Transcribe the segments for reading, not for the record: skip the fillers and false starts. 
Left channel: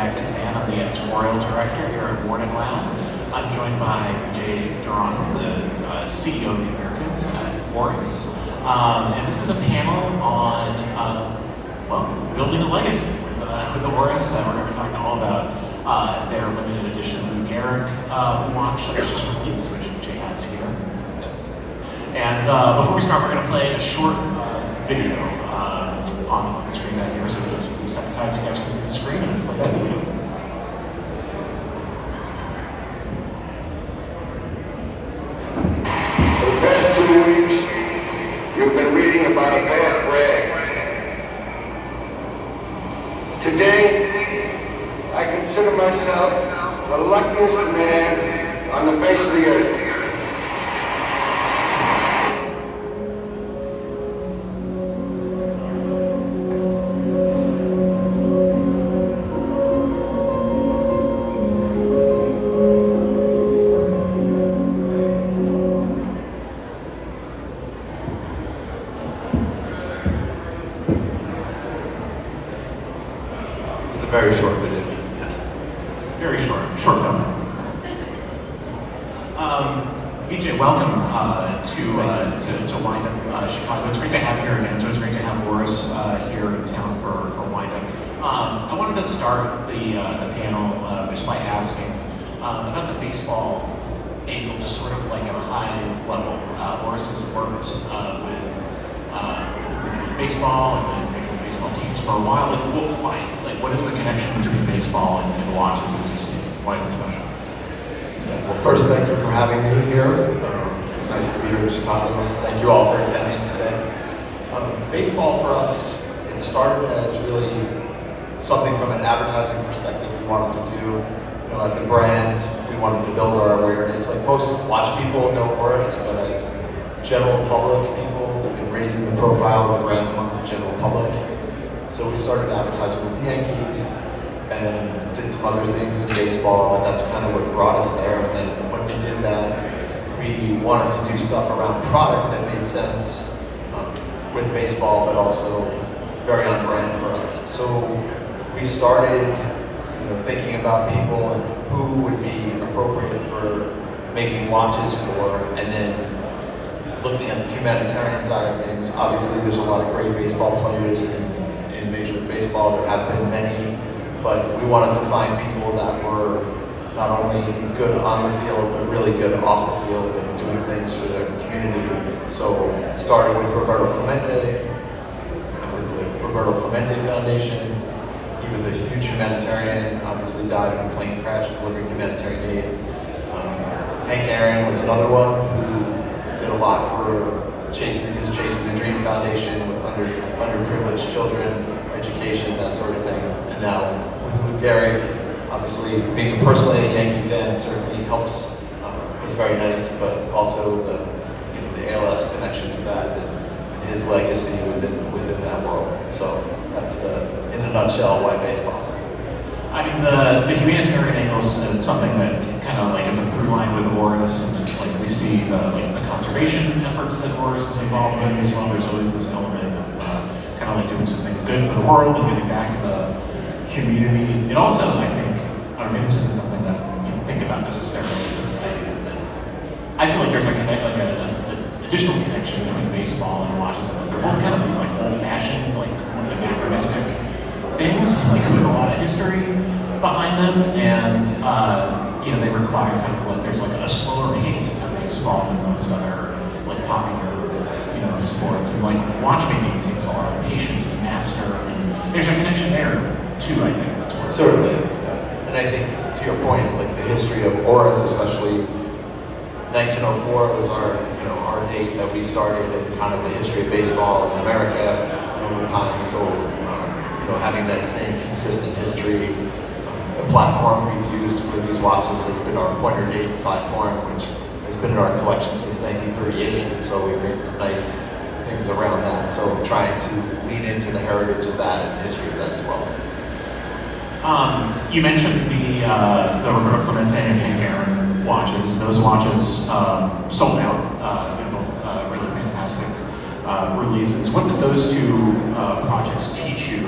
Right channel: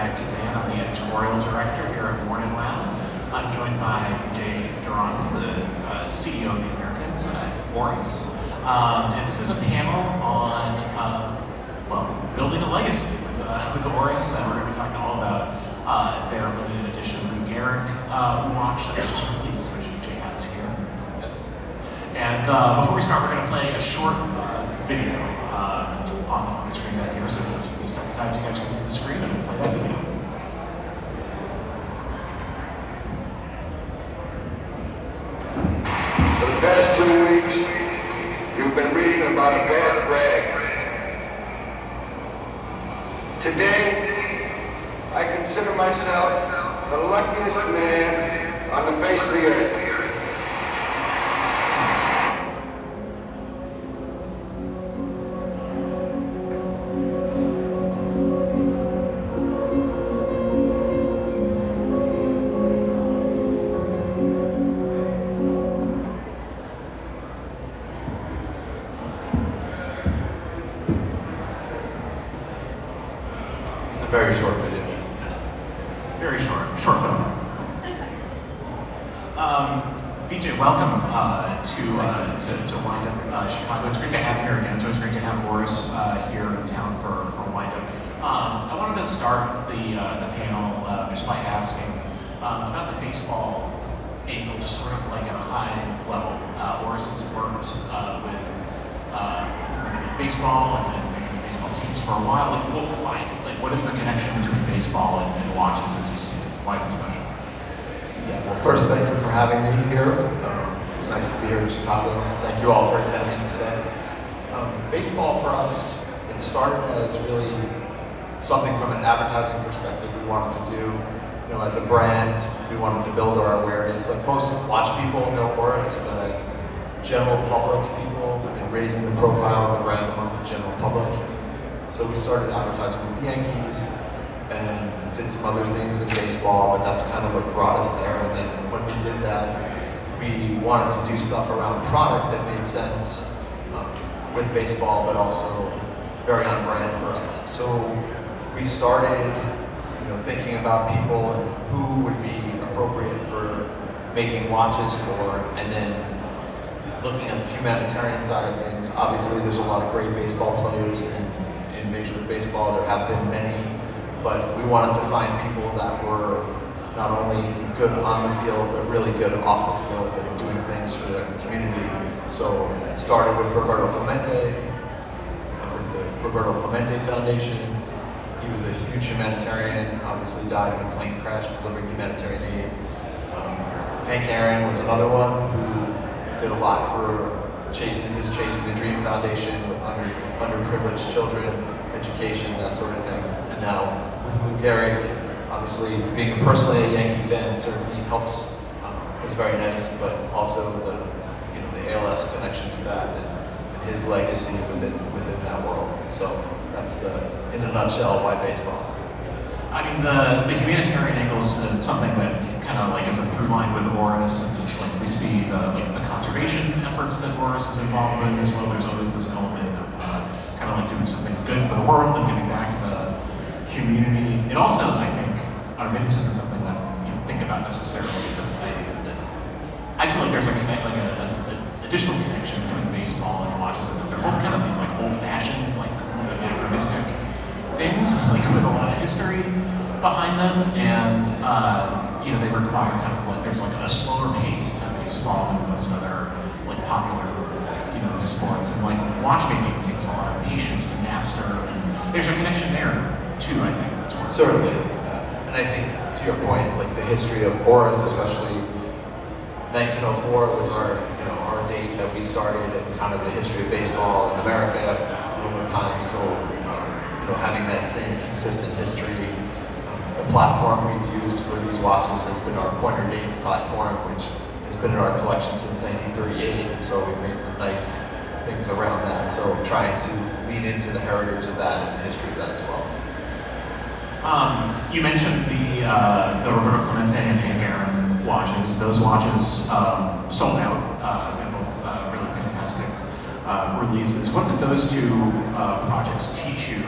Zach Kazan. I'm the editorial director here at Worn and Wound. I'm joined by Vijay Durrani, the CEO of the Americas at Horus. And this is a panel on, building a legacy with Horus. We're going to be talking all about their limited edition Lou Gehrig watch that was just released, which Vijay has here. Yes. And before we start, we're going to play a short video on the screen back here. So just step aside so you guys can see the screen and play that video. For the past 2 weeks, you've been reading about a bad rag. Today, I consider myself the luckiest man on the face of the earth. Very short video. Very short film. Vijay, welcome to Wind Up Chicago. It's great to have you here again. So it's great to have Horus here in town for Wind Up. I wanted to start the panel just by asking about the baseball angle, just sort of like at a high level. Horus has worked with Major League Baseball and Major League Baseball teams for a while. Why? What is the connection between baseball and watches as you see it? Why is it special? Well, first, thank you for having me here. It's nice to be here in Chicago. Thank you all for attending today. Baseball for us, it started as really something from an advertising perspective we wanted to do. As a brand, we wanted to build our awareness. Like most watch people know Horus, but as general public people, we've been raising the profile of the brand among the general public. So we started advertising with the Yankees and did some other things in baseball, but that's kind of what brought us there. And then when we did that, we wanted to do stuff around product that made sense with baseball, but also very on brand for us. So we started thinking about people and who would be appropriate for making watches for, and then looking at the humanitarian side of things. Obviously, there's a lot of great baseball players in Major League Baseball. There have been many, but we wanted to find people that were not only good on the field, but really good off the field and doing things for their community. So it started with Roberto Clemente, with the Roberto Clemente Foundation. He was a huge humanitarian, obviously died in a plane crash delivering humanitarian aid. Hank Aaron was another one who did a lot for Chasing the Dream Foundation with underprivileged children, education, that sort of thing. And now Lou Gehrig, obviously being personally a Yankee fan, certainly helps. Was very nice, but also the ALS connection to that and his legacy within that world. So that's in a nutshell why baseball. I mean, the humanitarian angle is something that kind of like is a through line with Horus. Like we see the conservation efforts that Horus is involved in as well. There's always this element of kind of like doing something good for the world and giving back to the community. It also, I think, I don't know, maybe this isn't something that you think about necessarily. I feel like there's an additional connection between baseball and watches, and that they're both kind of these like old-fashioned, like almost like anachronistic things, like with a lot of history behind them, and they require kind of like there's like a slower pace to baseball than most other like popular sports, and like watchmaking takes a lot of patience to master. And there's a connection there too. I think that's what certainly, and I think to your point, like the history of Horus, especially 1904 was our date that we started, and kind of the history of baseball in America over time. So having that same consistent history. The platform we've used for these watches has been our pointer date platform, which has been in our collection since 1938, and so we've made some nice things around that. So we're trying to lean into the heritage of that and the history of that as well. You mentioned the Roberto Clemente and Hank Aaron watches. Those watches sold out in both really fantastic releases. What did those two projects teach you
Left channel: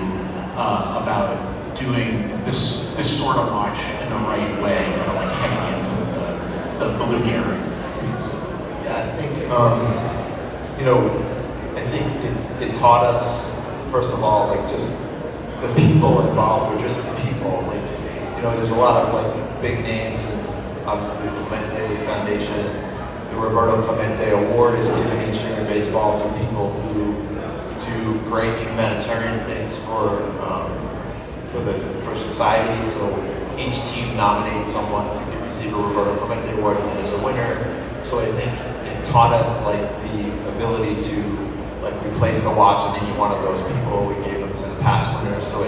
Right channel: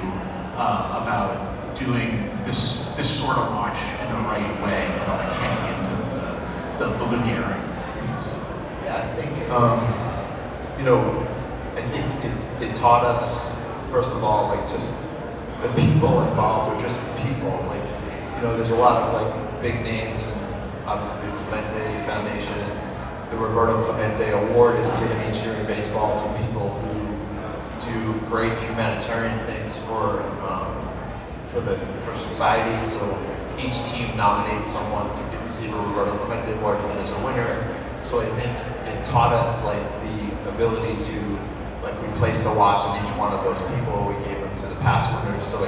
about doing this this sort of watch in the right way, kind of like heading into the Lou Gehrig piece? Yeah, I think, I think it taught us, first of all, like just the people involved were just people. Like, there's a lot of like big names, and obviously the Clemente Foundation, the Roberto Clemente Award is given each year in baseball to people who do great humanitarian things for society. So each team nominates someone to receive a Roberto Clemente Award, and then there's a winner. So I think it taught us like the ability to we placed a watch on each one of those people. We gave them to the past winners. So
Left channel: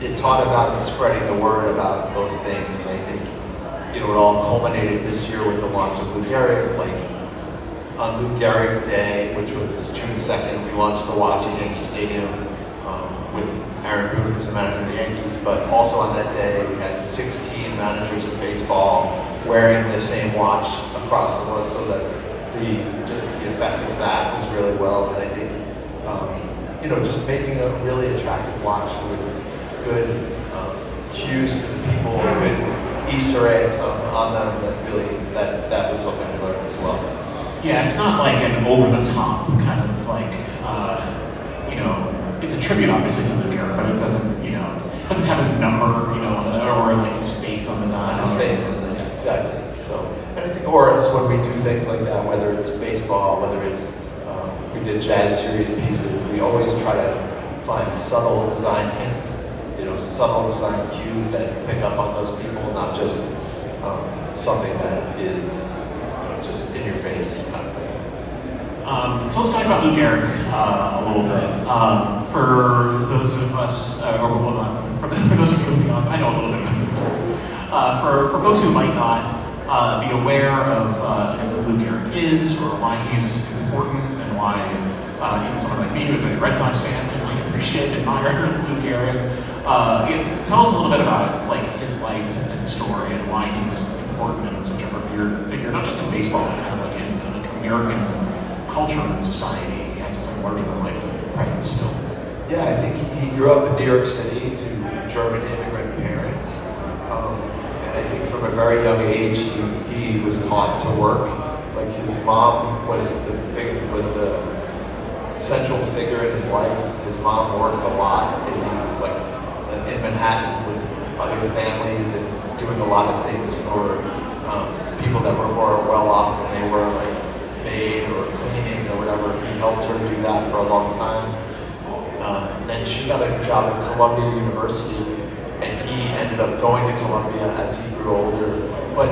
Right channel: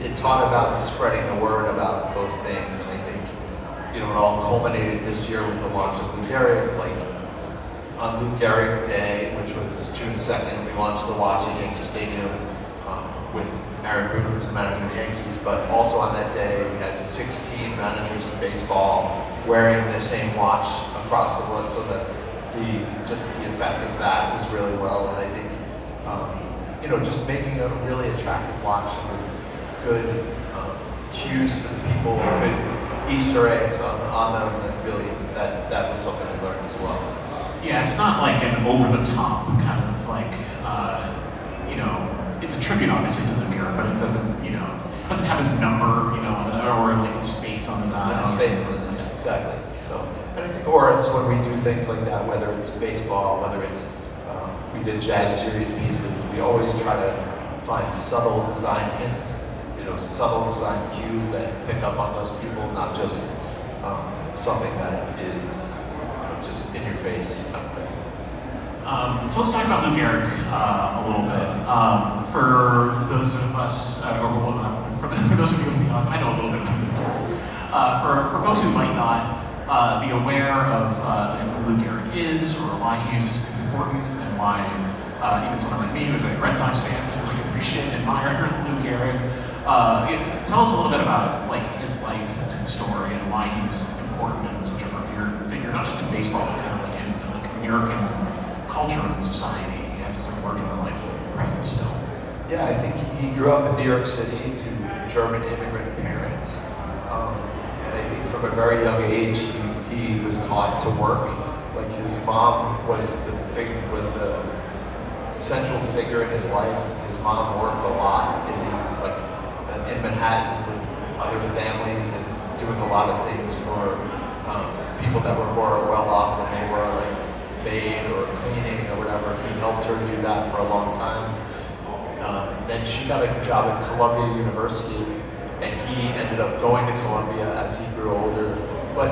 it taught about spreading the word about those things, and I think it all culminated this year with the launch of Lou Gehrig. Like on Lou Gehrig Day, which was June 2nd, we launched the watch at Yankee Stadium with Aaron Boone, who's the manager of the Yankees. But also on that day, we had 16 managers of baseball wearing the same watch across the world, so that the effect of that was really well. And I think just making a really attractive watch with good cues to the people, good Easter eggs on them, that was something I learned as well. Yeah, it's not like an over-the-top kind of like, it's a tribute obviously to Lou Gehrig, but it doesn't have his number, or like his face on the dial. His face, exactly. So, and I think Oris, when we do things like that, whether it's baseball, whether it's we did jazz series pieces, we always try to find subtle design hints, subtle design cues that pick up on those people, not just something that is just in your face kind of thing. So let's talk about Lou Gehrig a little bit. For those of us, for those of you in the audience, I know a little bit. For folks who might not be aware of who Lou Gehrig is, or why he's important, and why even someone like me, who's a Red Sox fan, can appreciate and admire Lou Gehrig. Tell us a little bit about his life and story, and why he's important and such a revered figure, not just in baseball, but kind of like in American culture and society. He has this larger than life presence still. Yeah, I think he grew up in New York City to German immigrant parents, and I think from a very young age he was taught to work. Like his mom was the central figure in his life. His mom worked a lot in Manhattan with other families and doing a lot of things for people that were more well off than they were, like maid or cleaning or whatever. He helped her do that for a long time. Then she got a job at Columbia University, and he ended up going to Columbia as he grew older. But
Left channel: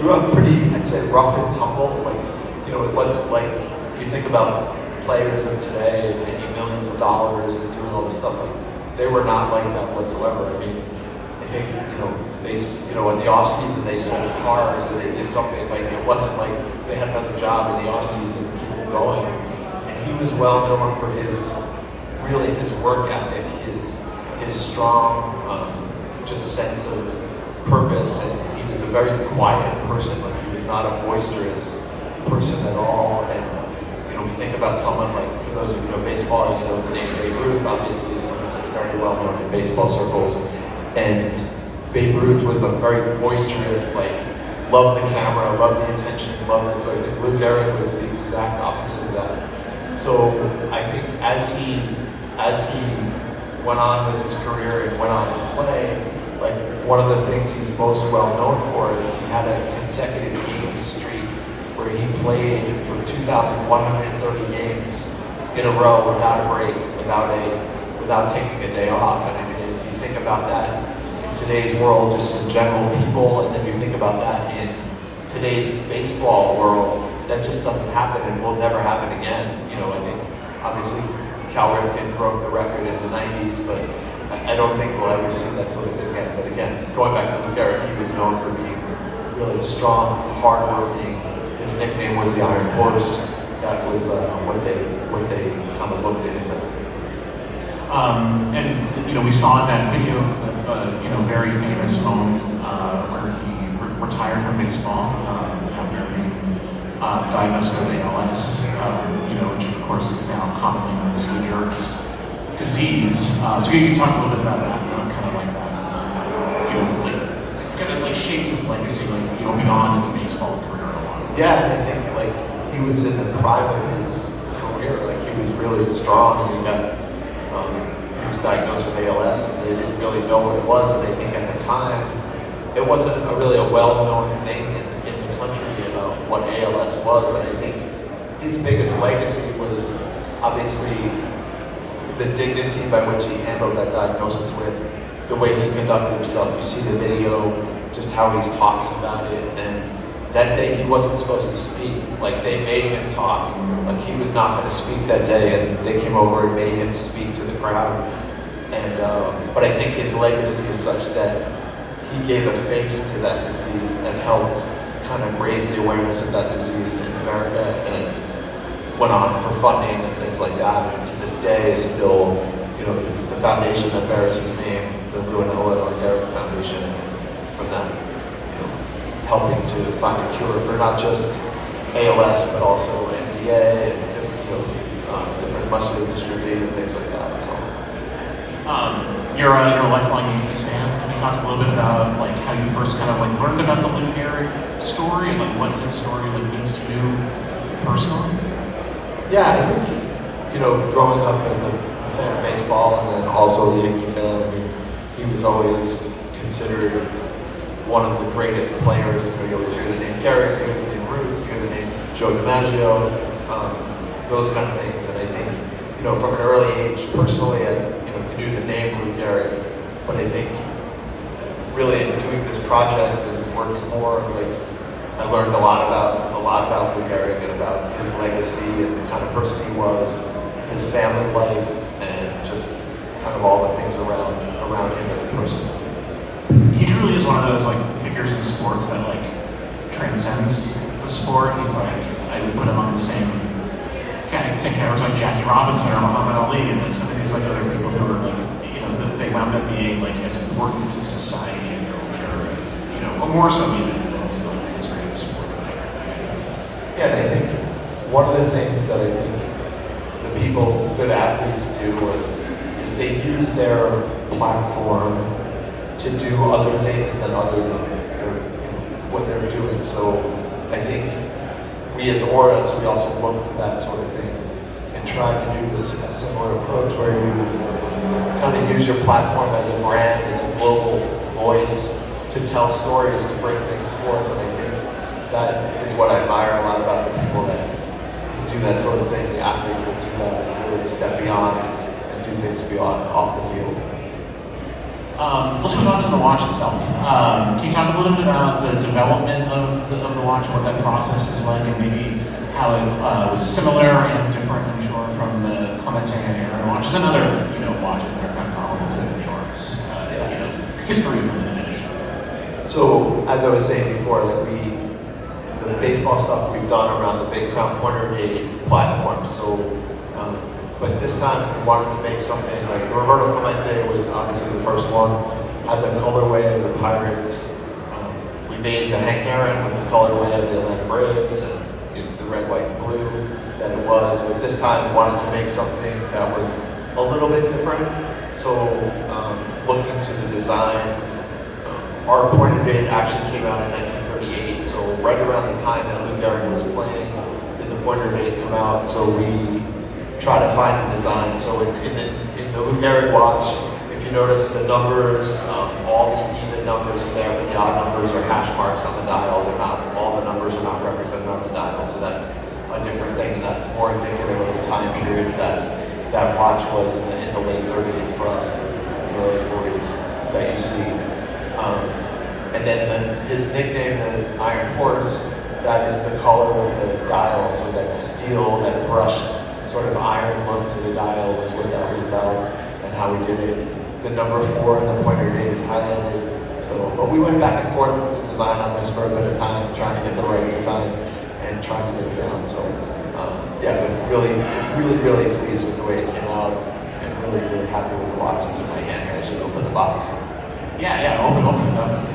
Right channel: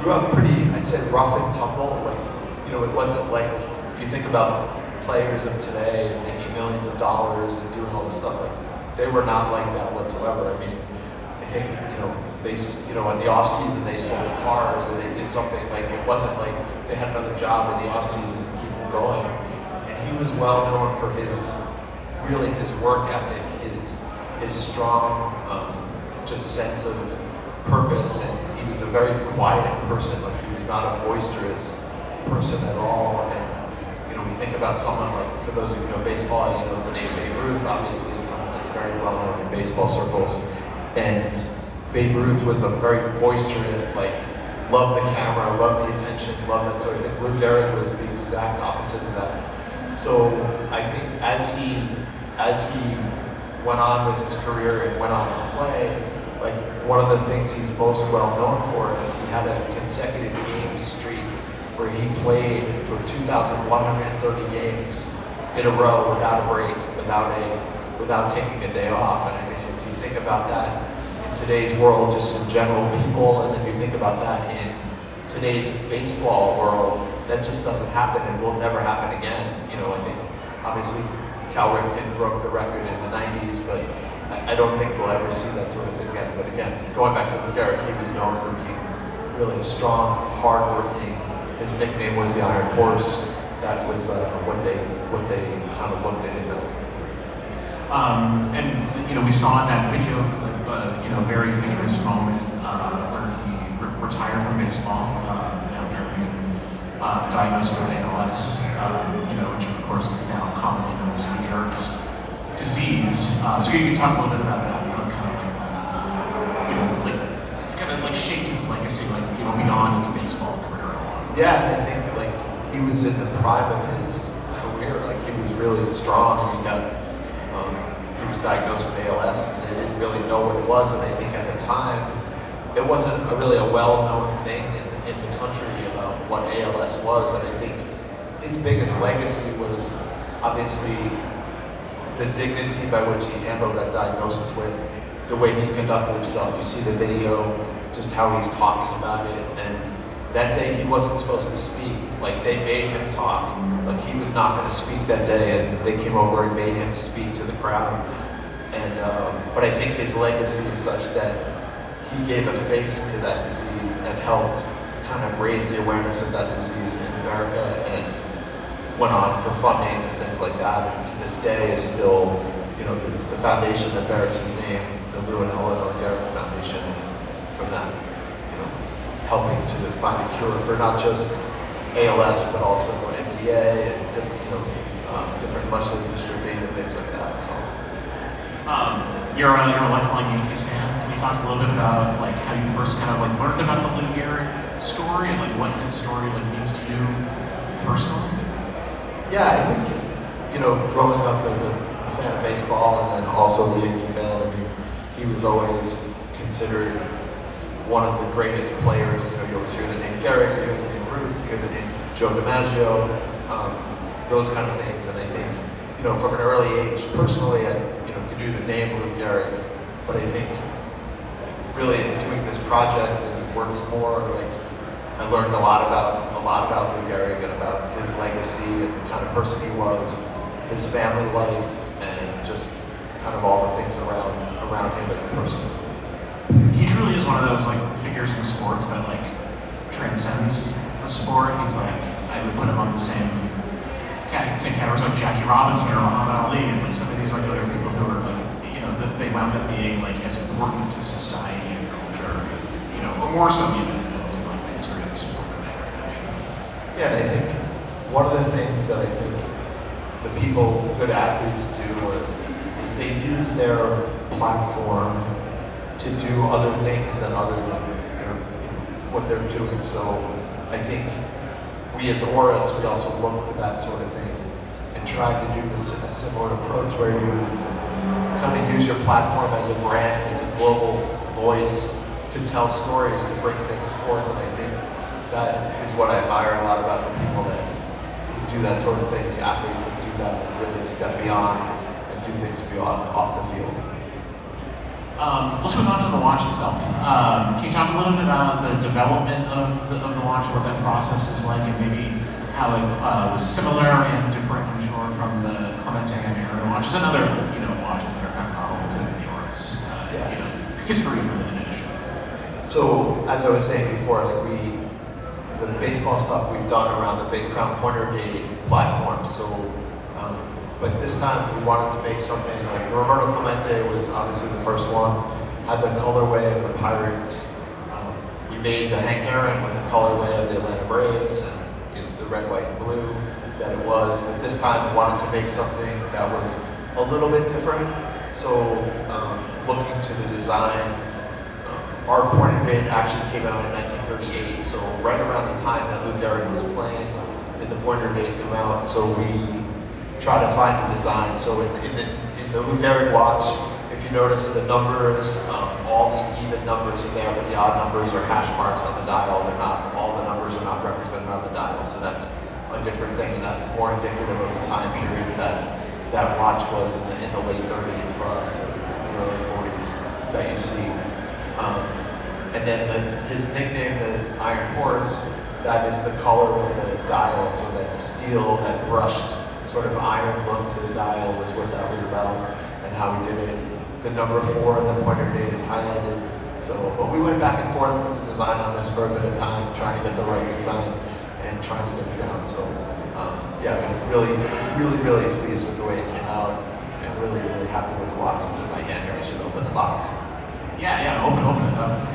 grew up pretty, I'd say, rough and tumble. It wasn't like you think about players of today and making millions of dollars and doing all this stuff. They were not like that whatsoever. I mean, I think they in the off season they sold cars or they did something. It wasn't like they had another job in the off season to keep them going. And he was well known for his work ethic, his strong just sense of purpose, and he was a very quiet person. He was not a boisterous person at all. And we think about someone like, for those of you who know baseball, the name Babe Ruth obviously is someone that's very well known in baseball circles. And Babe Ruth was a very boisterous, loved the camera, loved the attention, loved that. So I think Lou Gehrig was the exact opposite of that. So I think as he went on with his career and went on to play, one of the things he's most well known for is he had a consecutive game streak where he played for 2,130 games in a row without a break, without taking a day off. And I mean, if you think about that in today's world, just in general, people, and then you think about that in today's baseball world, that just doesn't happen and will never happen again. I think obviously Cal Ripken broke the record in the 90s, but I don't think we'll ever see that sort of thing again. But again, going back to Lou Gehrig, he was known for being really strong, hardworking. His nickname was the Iron Horse. That was what they kind of looked at him as. And we saw in that video clip, very famous moment where he retired from baseball after being diagnosed with ALS, which of course is now commonly known as Lou Gehrig's disease. So you can talk a little bit about that, kind of like that. shaped his legacy, like, beyond his baseball career a lot. Yeah, and I think like he was in the prime of his career. Like he was really strong, and he was diagnosed with ALS, and they didn't really know what it was. And I think at the time, it wasn't really a well-known thing in the country about what ALS was. And I think his biggest legacy was obviously the dignity by which he handled that diagnosis with, the way he conducted himself. You see the video, just how he's talking about it. And that day he wasn't supposed to speak. Like they made him talk. Like he was not going to speak that day, and they came over and made him speak to the crowd. And but I think his legacy is such that he gave a face to that disease and helped kind of raise the awareness of that disease in America, and went on for funding and things like that. And to this day is still, the foundation that bears his name, the Leonel Gehrig Foundation, for them, helping to find a cure for not just ALS but also MDA and different muscular dystrophy and things like that. So. You're a lifelong Yankees fan. Can we talk a little bit about like how you first kind of like learned about the Lou Gehrig story, like what his story means to you personally? Yeah, I think, growing up as a fan of baseball and then also the Yankee fan, I mean, he was always considered one of the greatest players. You always hear the name Gehrig, you hear the name Ruth, you hear the name Joe DiMaggio, those kind of things. And I think, from an early age, personally, I knew the name Lou Gehrig, but I think really in doing this project and working more, I learned a lot about Lou Gehrig and about his legacy and the kind of person he was, his family life, and just kind of all the things around him as a person. He truly is one of those like figures in sports that like transcends the sport. He's like, I would put him on the same categories like Jackie Robinson or Muhammad Ali, and like some of these other people who are like, that they wound up being like as important to society and culture as, or more so even than was one of his greatest sport. Yeah, and I think one of the things that I think the people, the good athletes do, is they use their platform to do other things than what they're doing. So I think we as Auras, we also look to that sort of thing and try to do a similar approach where you kind of use your platform as a brand, as a global voice to tell stories, to bring things forth. And I think that is what I admire a lot about the people that do that sort of thing, the athletes that do that, really step beyond and do things beyond off the field. Let's move on to the watch itself. Can you talk a little bit about the development of the watch, what that process is like, and maybe how it was similar and different, I'm sure, from the Clemente and Aaron watches and other, watches that are kind of comparable to yours, history of limited editions. So, as I was saying before, the baseball stuff we've done around the Big Crown Pointer Date platform. So, but this time we wanted to make something like Roberto Clemente was obviously the first one. Had the colorway of the Pirates. We made the Hank Aaron with the colorway of the Atlanta Braves and the red, white, and blue that it was. But this time we wanted to make something that was a little bit different. So, looking to the design, our Pointer Date actually came out in 1938. So right around the time that Lou Gehrig was playing, did the Pointer Date come out? So we try to find a design. So in the Lou Gehrig watch, if you notice the numbers, all the even numbers are there, but the odd numbers are hash marks on the dial. They're not, all the numbers are not represented on the dial. So that's a different thing, and that's more indicative of the time period that watch was in the late 30s for us, the early 40s that you see. And then his nickname, the Iron Horse, that is the color of the dial. So that steel, that brushed sort of iron look to the dial was what that was about and how we did it. The number 4 in the Pointer Date is highlighted. So we went back and forth with the design on this for a bit of time, trying to get the right design and trying to get it done. So yeah, I've been really pleased with the way it came out and really happy with the watch. It's in my hand here. I should open the box. Yeah, open it up.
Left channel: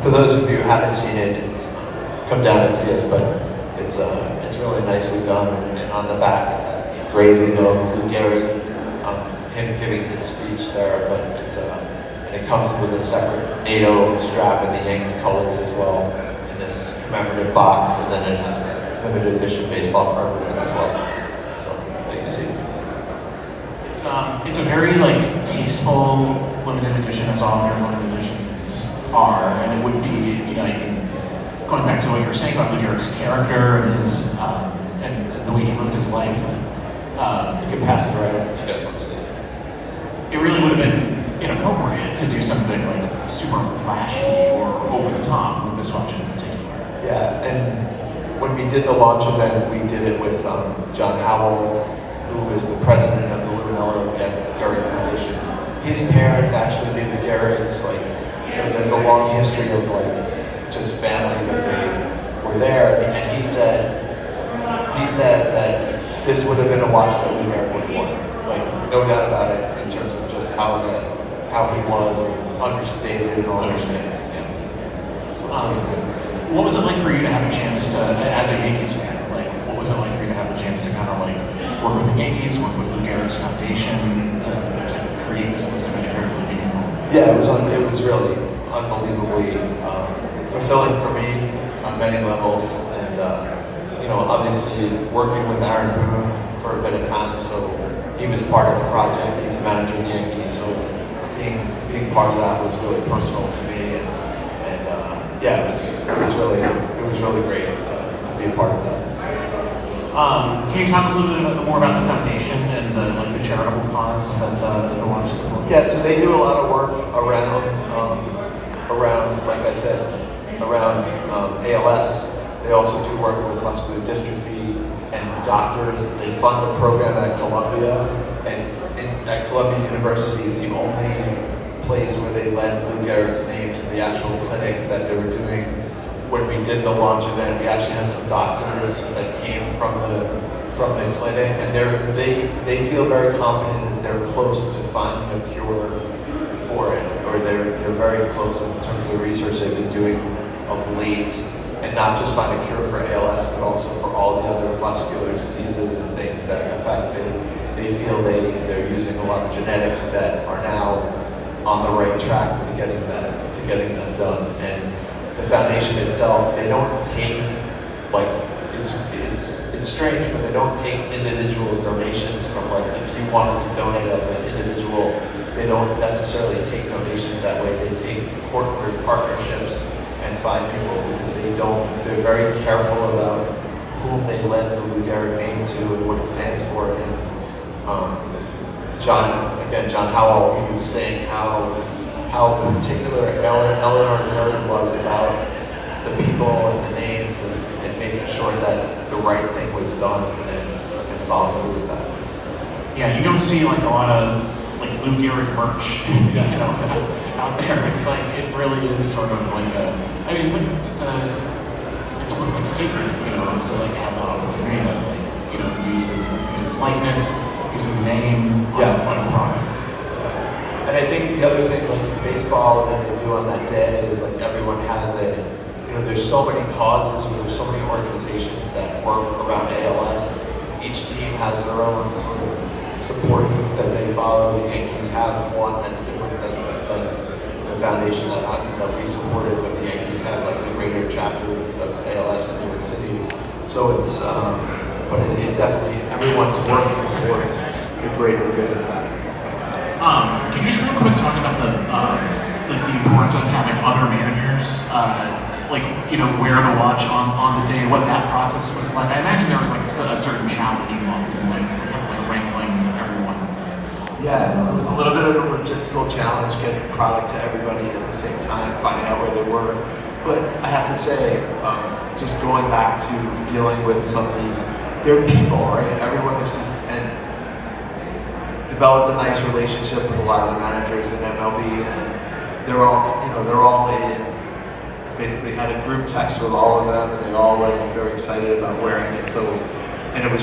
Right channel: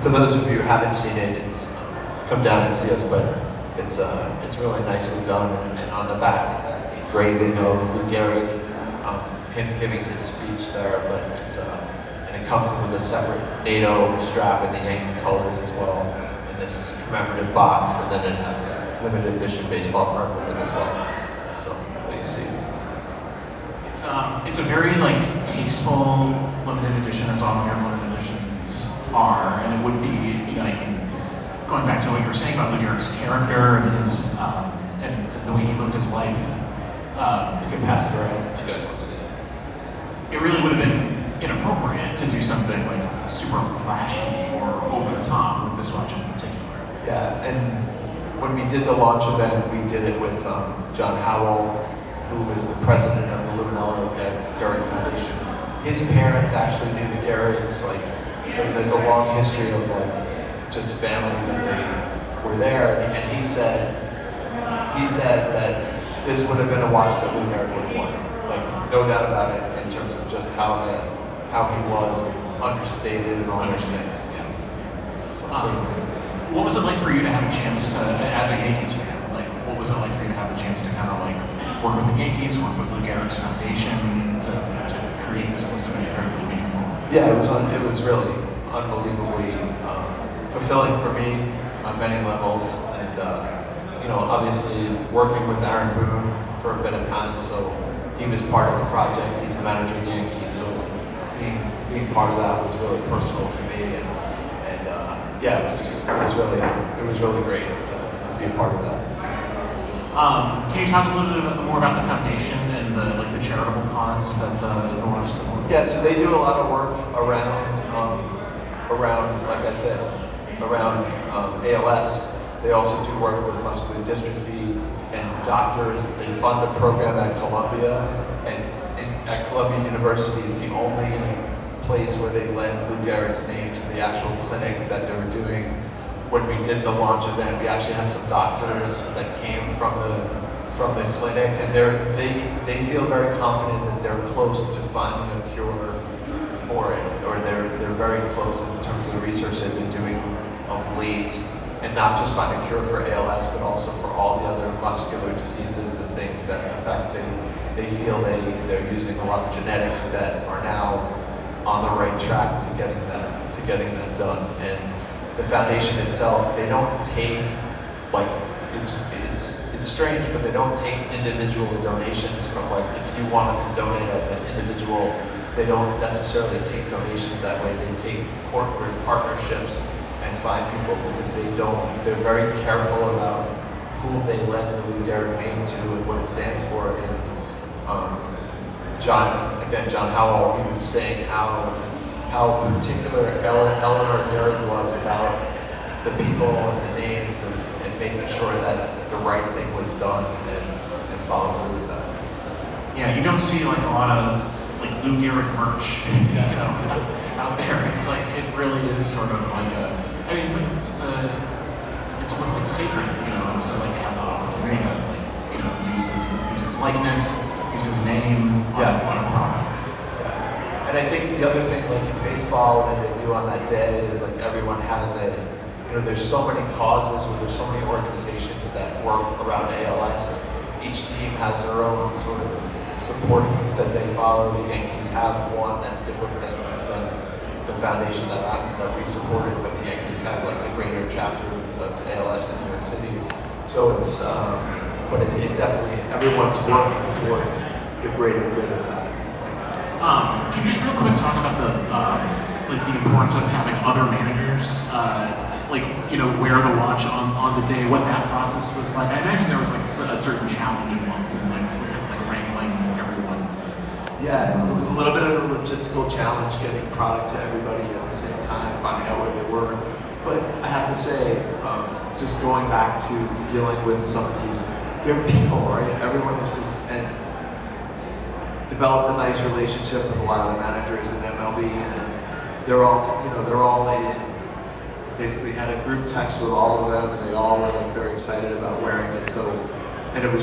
For those of you who haven't seen it, it's come down and see us, but it's really nicely done, and on the back it has the engraving of Lou Gehrig, him giving his speech there, but and it comes with a separate NATO strap in the Yankee colors as well, in this commemorative box, and then it has a limited edition baseball card with it as well. So there you see. It's a very like tasteful limited edition, as all limited editions are, and it would be, you know, I mean, going back to what you were saying about Lou Gehrig's character and his and the way he lived his life. You can pass it right if you guys want to see it. It really would have been inappropriate to do something like super flashy or over the top with this watch in particular. Yeah, and when we did the launch event, we did it with John Howell, who was the president of the Lou Gehrig Foundation. His parents actually knew the Gehrigs, like, so there's a long history of like just family that they were there. And he said that this would have been a watch that Lou Gehrig would have worn, like no doubt about it, in terms of just how he was and understated and all those things. What was it like for you to have a chance to, as a Yankees fan, like what was it like for you to have a chance to kind of like work with the Yankees, work with Lou Gehrig's foundation to create this something incredibly meaningful? Yeah, it was really unbelievably fulfilling for me on many levels, and you know, obviously working with Aaron Boone for a bit of time, so he was part of the project. He's the manager of the Yankees, so being part of that was really personal for me, and yeah, it was really great to be a part of that. Can you talk a little bit more about the foundation and the charitable cause that the launch supports? Yeah, so they do a lot of work around, like I said, around ALS. They also do work with muscular dystrophy and doctors. They fund a program at Columbia, and at Columbia University is the only place where they lend Lou Gehrig's name to the actual clinic that they were doing. When we did the launch event, we actually had some doctors that came from the clinic, and they feel very confident that they're close to finding a cure for it, or they're very close in terms of the research they've been doing of late, and not just find a cure for ALS, but also for all the other muscular diseases and things that affect it. They feel they're using a lot of genetics that are now on the right track to getting that done. And the foundation itself, they don't take, like, it's strange, but they don't take individual donations from, like, if you wanted to donate as an individual, they don't necessarily take donations that way. They take corporate partnerships and find people, because they're very careful about whom they lend the Lou Gehrig name to and what it stands for. And John Howell, he was saying how particular Eleanor Gehrig was about the people and the names and making sure that the right thing was done and following through with that. Yeah, you don't see like a lot of like Lou Gehrig merch, you know, out there. It's like it really is sort of like I mean, it's almost like secret, you know, to like have that opportunity to like, you know, use his likeness, use his name on a product. And I think the other thing, like in baseball, that they do on that day is like everyone has there's so many causes, or there's so many organizations that work around ALS. Each team has their own sort of support that they follow. The Yankees have one that's different than the foundation that we supported, but the Yankees have like the greater chapter of ALS in New York City. So it's, but it definitely, everyone's working towards the greater good. Can you just real quick talk about the importance of having other managers, like, you know, where to watch on the day, what that process was like? I imagine there was like a certain challenge involved in like kind of like wrangling everyone to. Yeah, it was a little bit of a logistical challenge getting product to everybody at the same time, finding out where they were. But I have to say, just going back to dealing with some of these, they're people, right? Everyone is just, and developed a nice relationship with a lot of the managers in MLB, and they're all in, basically had a group text with all of them, and they all were like very excited about wearing it. So, and it was